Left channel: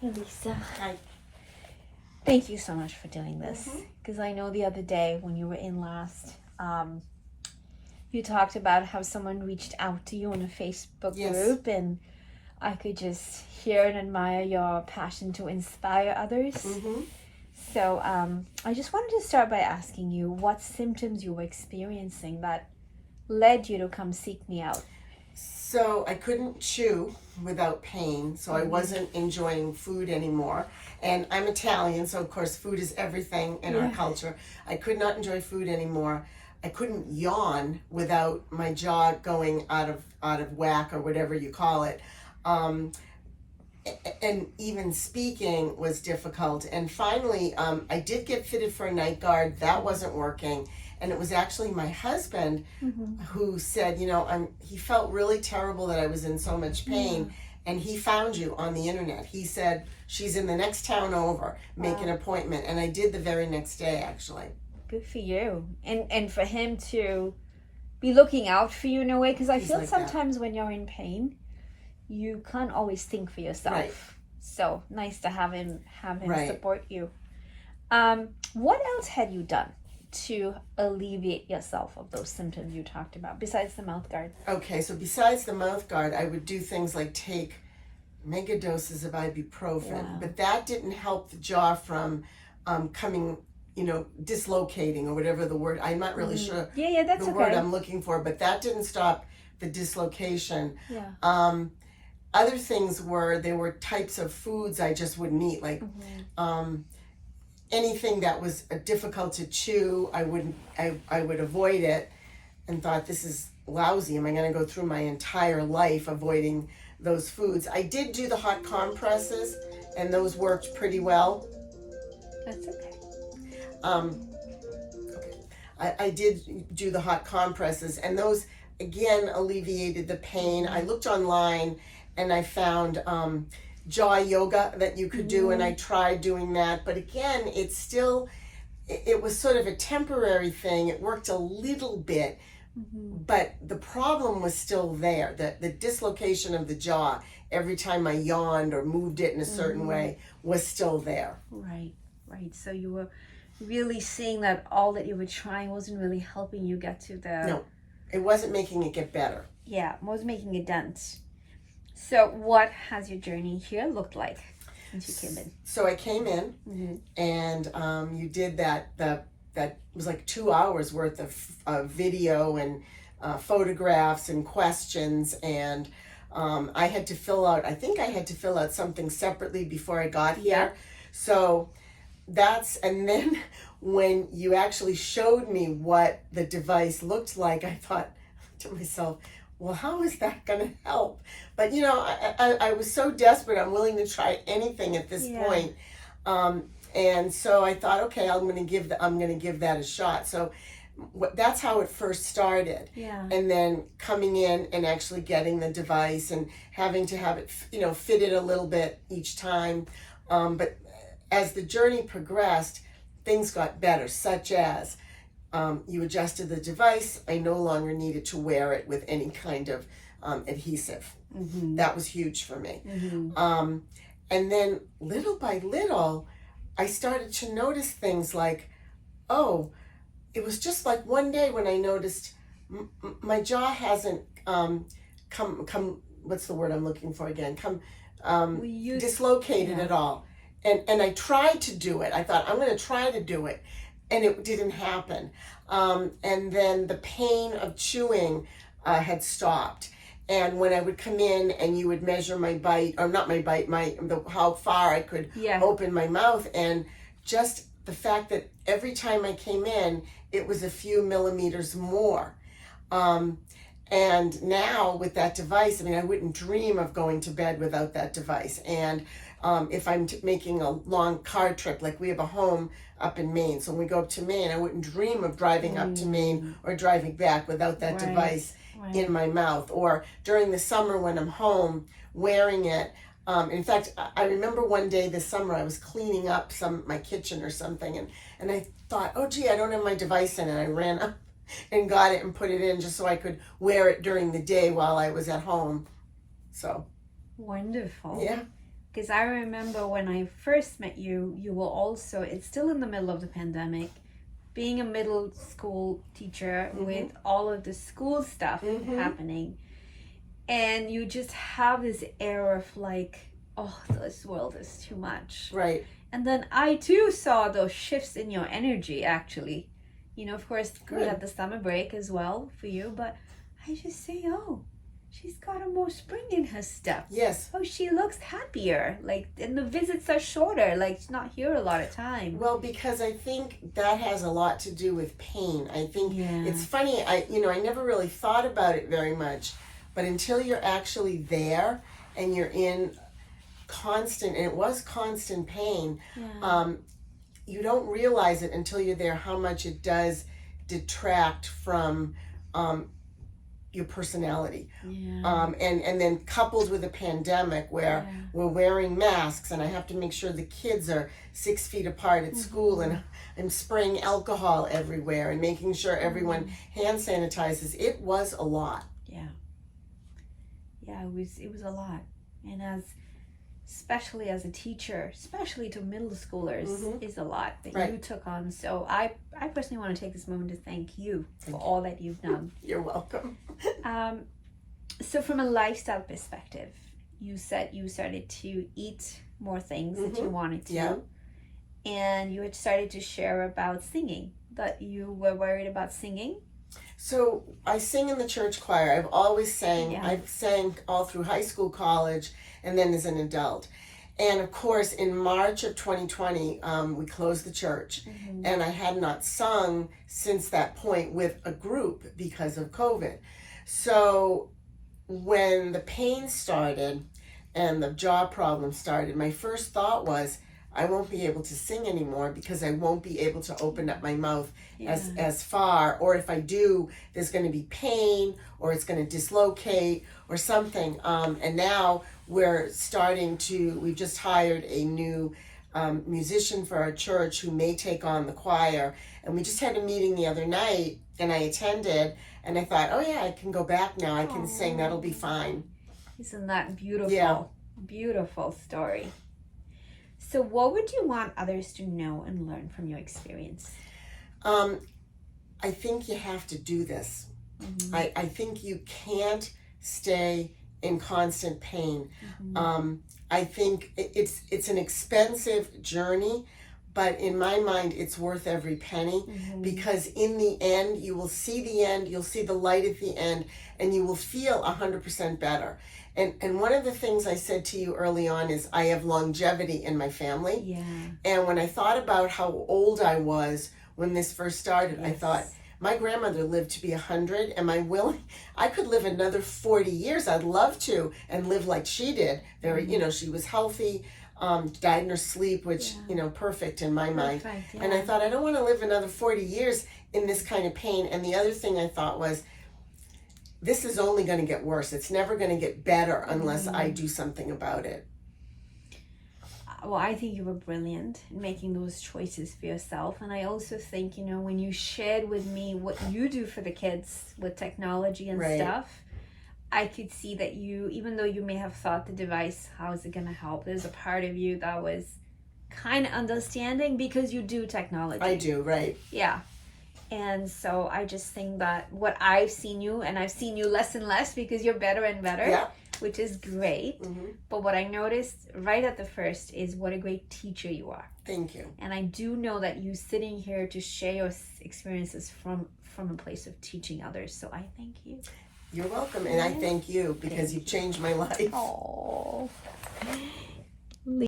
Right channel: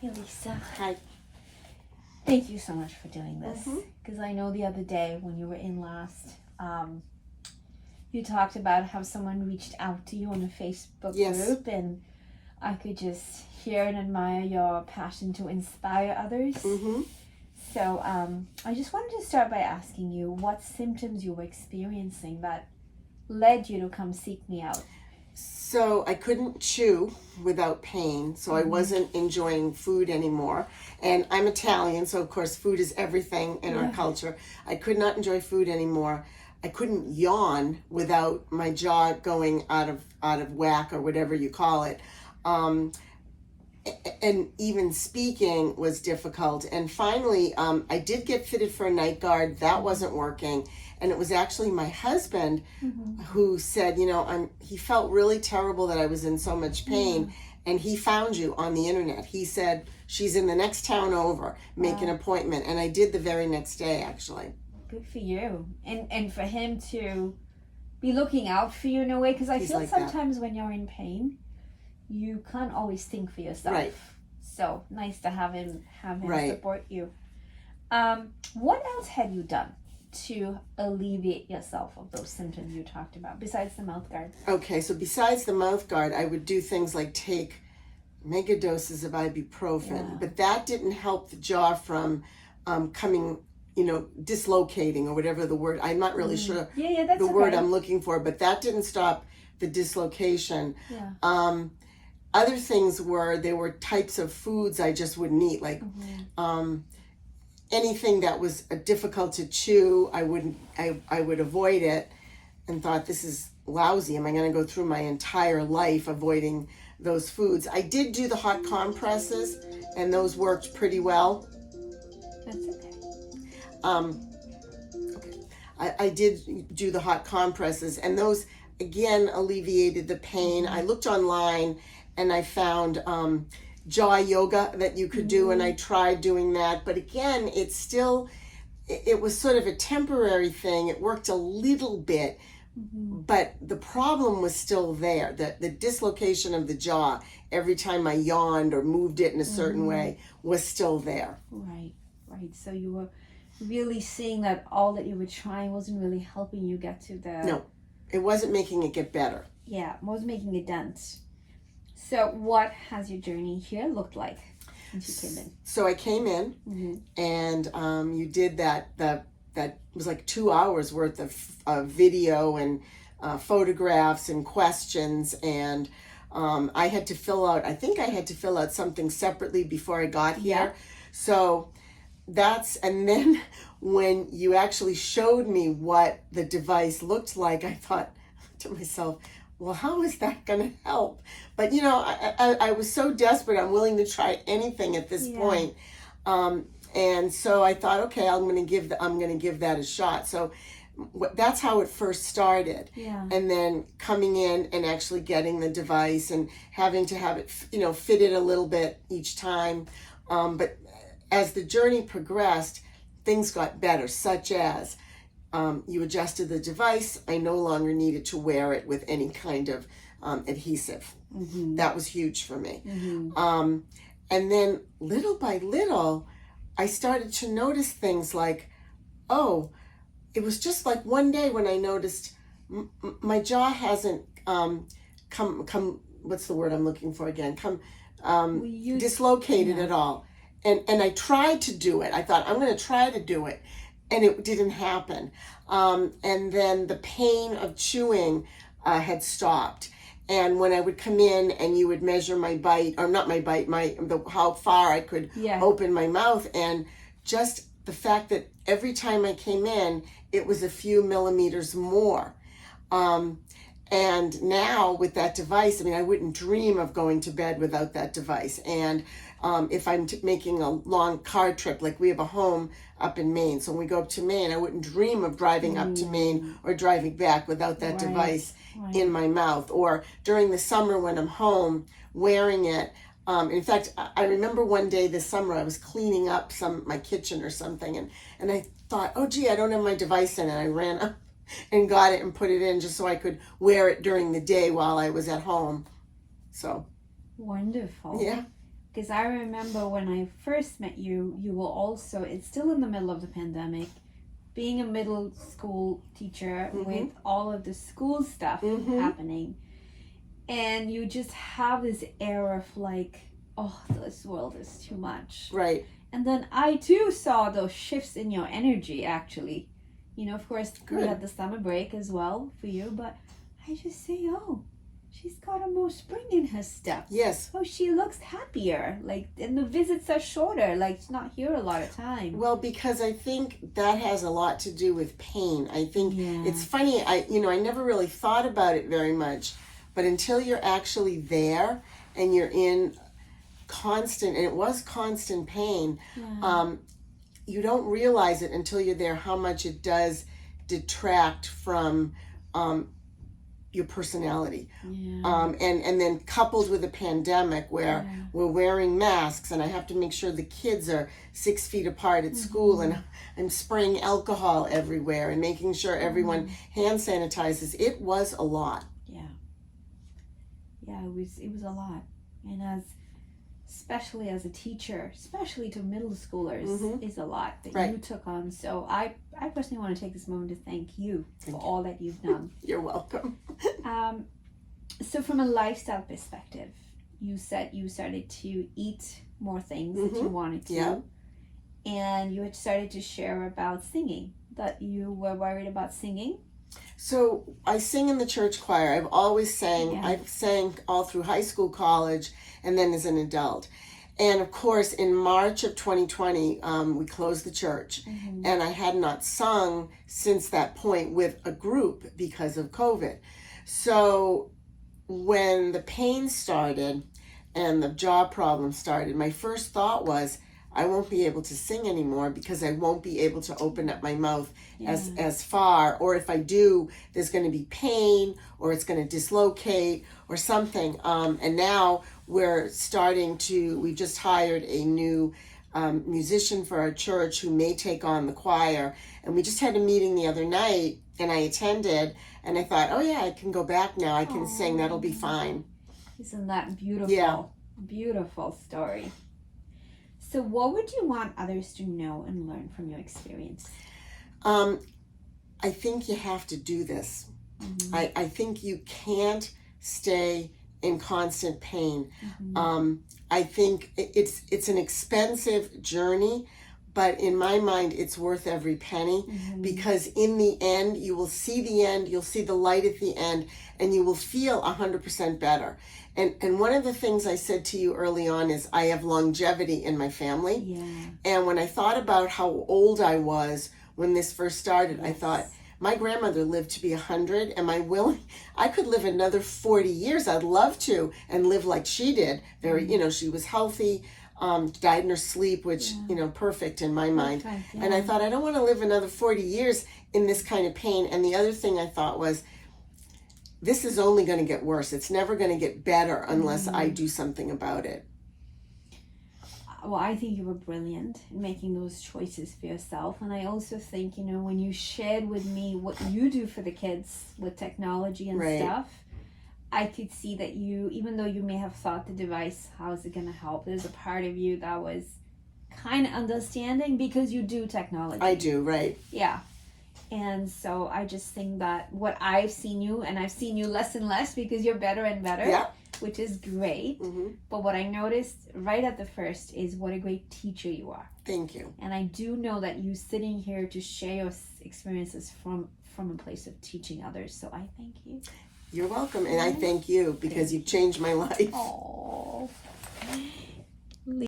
Hey Lisa, Hi. thank you so much for doing this. Because I know the other day when you were in last, you talked about how someone reached out to you in a Facebook Yes. group, and I could just hear and admire your passion to inspire others. So I just wanted to start by asking you what symptoms you were experiencing that led you to come seek me out. So I couldn't chew without pain, so I wasn't enjoying food anymore. And I'm Italian, so of course food is everything in our culture. I could not enjoy food anymore. I couldn't yawn without my jaw going out of whack or whatever you call it. And even speaking was difficult. And finally, I did get fitted for a night guard. That wasn't working. And it was actually my husband who said, he felt really terrible that I was in so much pain. And he found you on the internet. He said, she's in the next town over, make an appointment. And I did the very next day, actually. Good for you. And for him to be looking out for you in a way, because I He's feel like that. sometimes when you're in pain, you can't always think for yourself. Right. So nice to have him Right. support you. What else had you done to alleviate yourself of those symptoms you talked about besides the mouth guard? Okay, so besides the mouth guard, I would do things like take mega doses of ibuprofen, but that didn't help the jaw from coming, dislocating or whatever the word. I'm not really sure That's the word okay. I'm looking for, but that didn't stop the dislocation. Yeah. Other things there were types of foods I just wouldn't eat, like anything that was difficult to chew. I would avoid it, and thought, this is lousy. Am I going to go through my entire life avoiding those foods? I did do the hot compresses, and those worked pretty well. That's okay. I did do the hot compresses, and those again alleviated the pain. I looked online and I found jaw yoga that you could do, and I tried doing that, but again, it was sort of a temporary thing. It worked a little bit, but the problem was still there. The dislocation of the jaw every time I yawned or moved it in a certain way was still there. Right. So you were really seeing that all that you were trying wasn't really helping you get to the... No, it wasn't making it get better. Yeah, was making a dent. So what has your journey here looked like since you came in? So I came in and you did that was like 2 hours worth of video and photographs and questions, and I had to fill out something separately before I got here. So and then when you actually showed me what the device looked like, I thought to myself, well, how is that going to help? But I was so desperate. I'm willing to try anything at this point. And so I thought, okay, I'm going to give that a shot. So that's how it first started. And then coming in and actually getting the device and having to have it, fitted a little bit each time. But as the journey progressed, things got better, such as you adjusted the device. I no longer needed to wear it with any kind of adhesive. That was huge for me. And then little by little, I started to notice things like, it was just like one day when I noticed my jaw hasn't come, what's the word I'm looking for again? Dislocated at all. And I tried to do it. I thought, I'm going to try to do it. And it didn't happen. And then the pain of chewing had stopped. And when I would come in and you would measure my bite, or not my bite, how far I could open my mouth, and just the fact that every time I came in, it was a few millimeters more. And now with that device, I wouldn't dream of going to bed without that device. And if I'm making a long car trip, like we have a home up in Maine, so when we go up to Maine, I wouldn't dream of driving up to Maine or driving back without that device in my mouth. Or during the summer when I'm home, wearing it. In fact, I remember one day this summer I was cleaning up my kitchen or something, and I thought, oh gee, I don't have my device in, and I ran up and got it and put it in just so I could wear it during the day while I was at home. So wonderful. Yeah. Because I remember when I first met you, you were also, it's still in the middle of the pandemic, being a middle school teacher with all of the school stuff happening. And you just have this air of like, oh, this world is too much. Right. And then I too saw those shifts in your energy, actually. You know, of course, we had the summer break as well for you, but I just say, oh, she's got a more spring in her step. Yes. Oh, she looks happier. Like, and the visits are shorter. Like, she's not here a lot of time. Well, because I think that has a lot to do with pain. I think it's funny. I never really thought about it very much, but until you're actually there and you're in constant, and it was constant pain, you don't realize it until you're there how much it does detract from your personality. And then coupled with a pandemic where we're wearing masks and I have to make sure the kids are 6 feet apart at school, and I'm spraying alcohol everywhere and making sure everyone hand sanitizes. It was a lot. Yeah, it was a lot. And especially as a teacher, especially to middle schoolers, is a lot that you took on. So I personally want to take this moment to thank you for all that you've done. You're welcome. So from a lifestyle perspective, you said you started to eat more things that you wanted to. And you had started to share about singing, that you were worried about singing. So I sing in the church choir. I've always sang. I've sang all through high school, college, and then as an adult. And of course, in March of 2020, we closed the church. And I had not sung since that point with a group because of COVID. So when the pain started and the jaw problem started, my first thought was, I won't be able to sing anymore because I won't be able to open up my mouth as far, or if I do, there's going to be pain, or it's going to dislocate or something. And now we're we just hired a new musician for our church who may take on the choir. And we just had a meeting the other night and I attended, and I thought, oh yeah, I can go back now. I can sing. That'll be fine. Isn't that beautiful? Yeah. Beautiful story. So what would you want others to know and learn from your experience? I think you have to do this. I think you can't stay in constant pain. I think it's an expensive journey, but in my mind, it's worth every penny, because in the end, you will see the end, you'll see the light at the end, and you will feel 100% better. And one of the things I said to you early on is I have longevity in my family. And when I thought about how old I was when this first started, I thought, my grandmother lived to be 100. Am I willing? I could live another 40 years. I'd love to, and live like she did. She was healthy, died in her sleep, which, perfect in my mind. And I thought, I don't want to live another 40 years in this kind of pain. And the other thing I thought was, this is only going to get worse. It's never going to get better unless I do something about it. Well, I think you were brilliant in making those choices for yourself. And I also think, when you shared with me what you do for the kids with technology and stuff, I could see that you, even though you may have thought the device, how is it going to help? There's a part of you that was kind of understanding because you do technology. I do, right. Yeah. And so I just think that what I've seen you, and I've seen you less and less because you're better and better, which is great. But what I noticed right at the first is what a great teacher you are. Thank you. And I do know that you sitting here to share your experiences from a place of teaching others. So I thank you. You're welcome. And I thank you because you've changed my life. Oh.